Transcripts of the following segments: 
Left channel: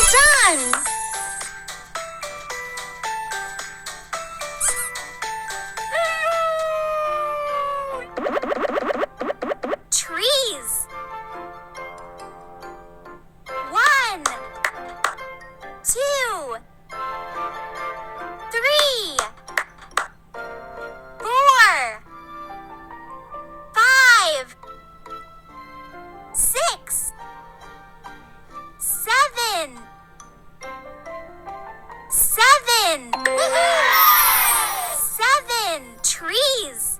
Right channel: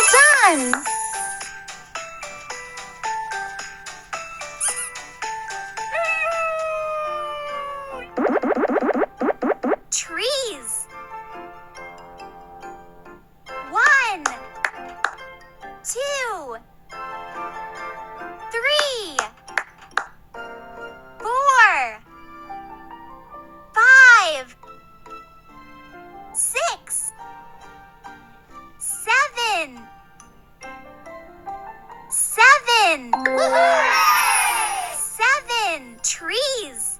Well done! Trees. 1, 2, 3, 4, 5, 6, 7. 7. Woohoo! 7 trees.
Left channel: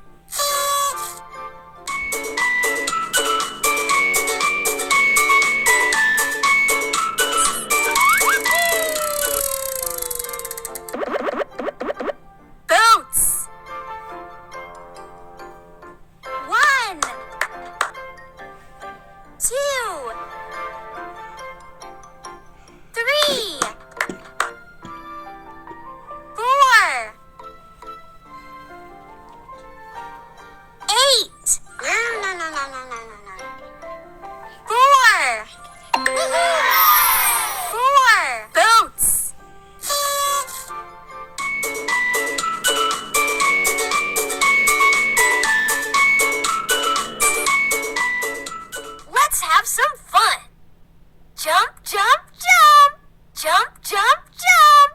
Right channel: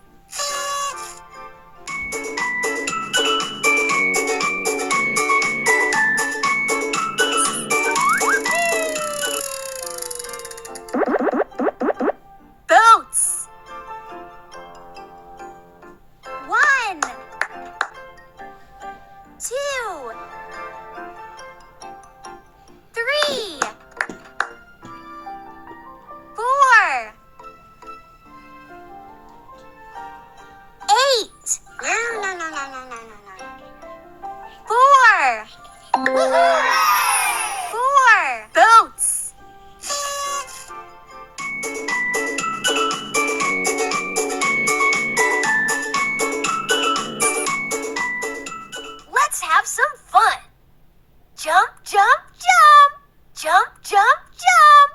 Boats. 1, 2, 3, 4, 8. Four. Woohoo! 4 boats. Let's have some fun. Jump, jump, jump. Jump, jump, jump.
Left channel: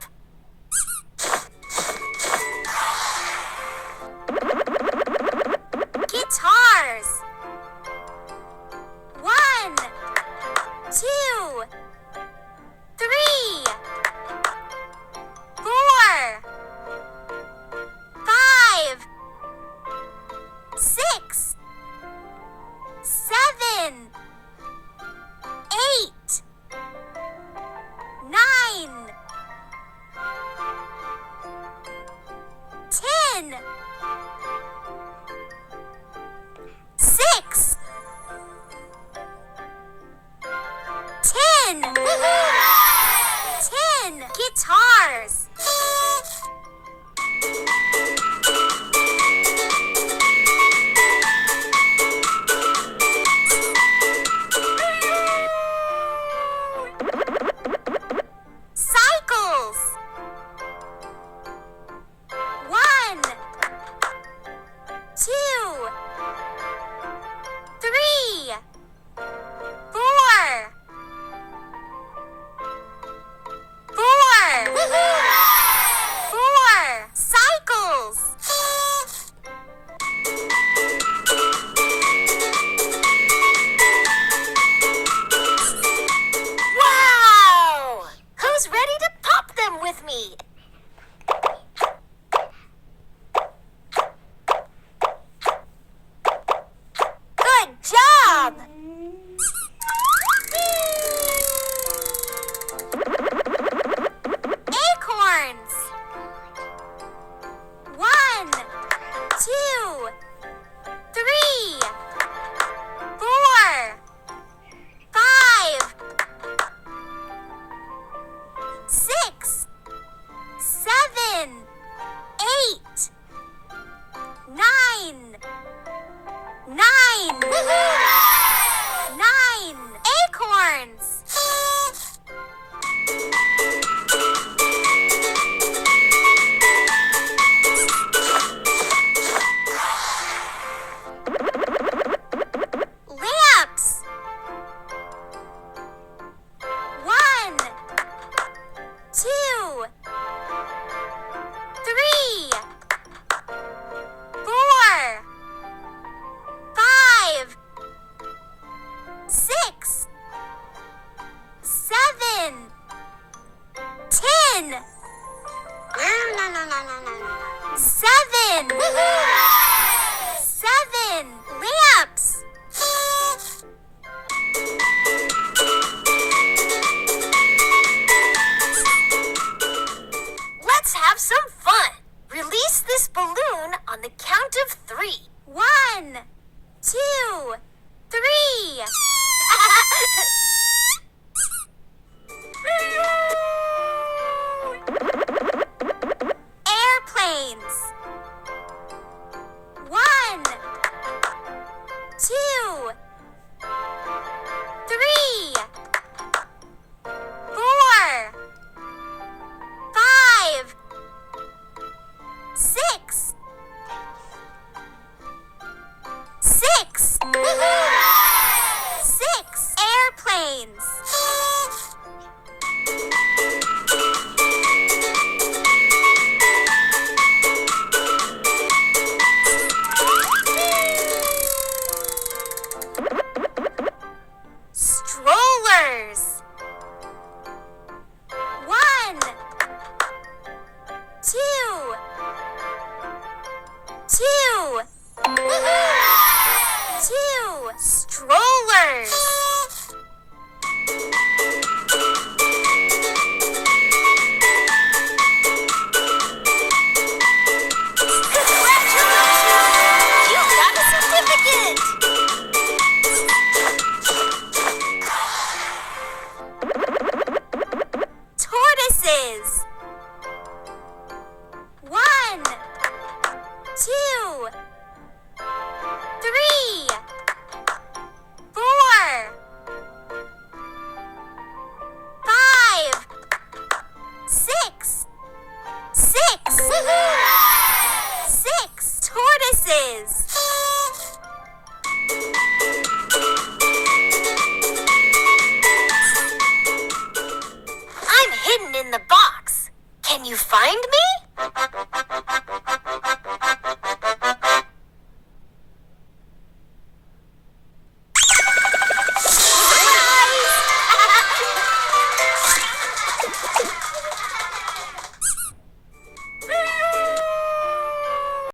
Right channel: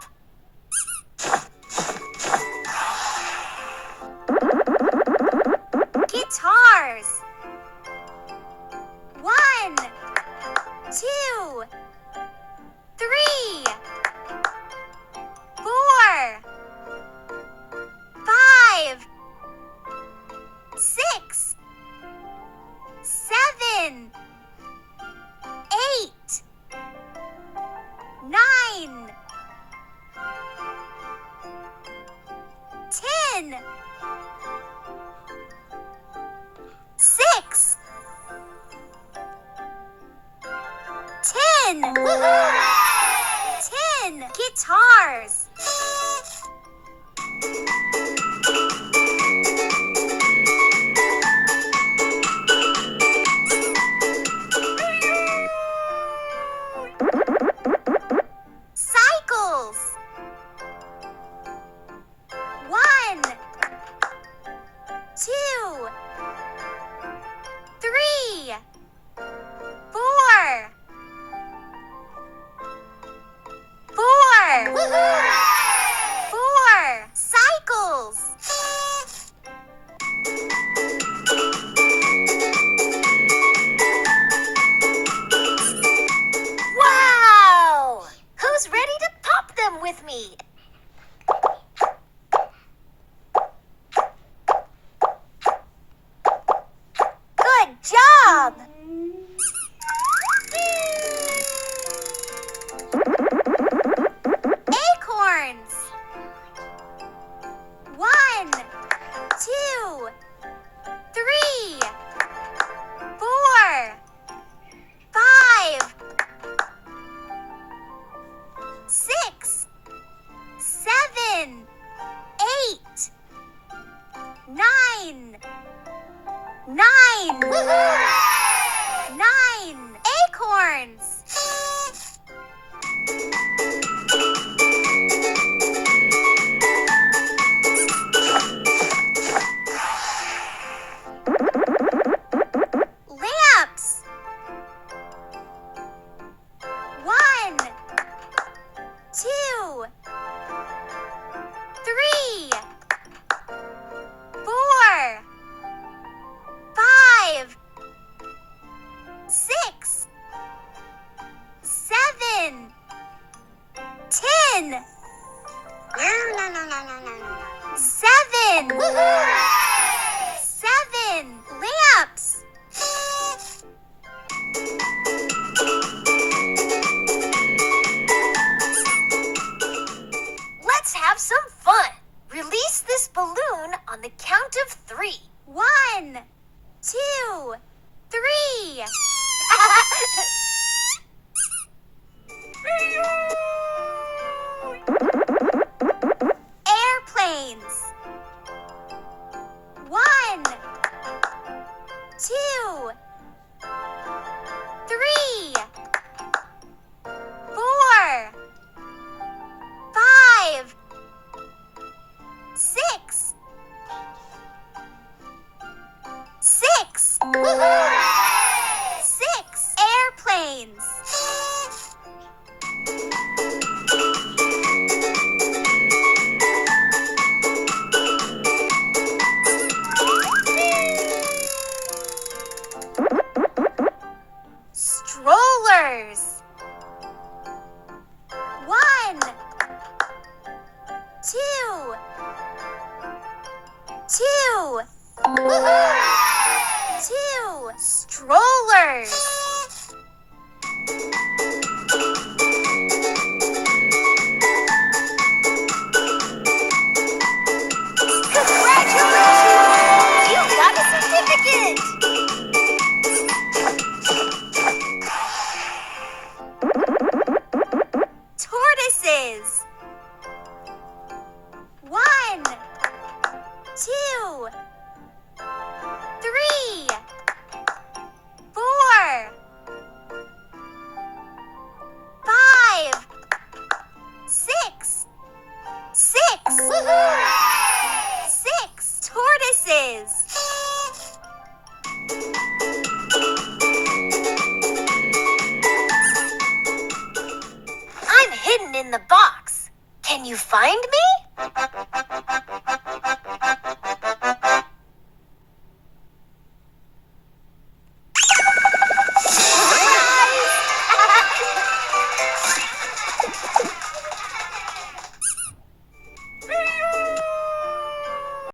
Guitars. 1, 2, 3, 4, 5, 6, 7, 8, 9, 10, 6, 10. Woohoo! 10 guitars. Cycles. 1, 2, 3, 4. 4. Woohoo! 4 cycles. Wow! Who's ready to pop them with me? Good job! Acorns. 1, 2, 3, 4, 5, 6, 7, 8, 9. 9. Woohoo! 9 acorns. Lamps. 1, 2, 3, 4, 5, 6, 7, 10. 7. Woohoo! 7 lamps. Let's have some fun. Release this balloon on the count of 3. 1, 2, 3. Airplanes. tortoises. 1, 2, 3, 4, 5, 6. 6. 6 tortoises. I'm hidden in the box. Can you find me?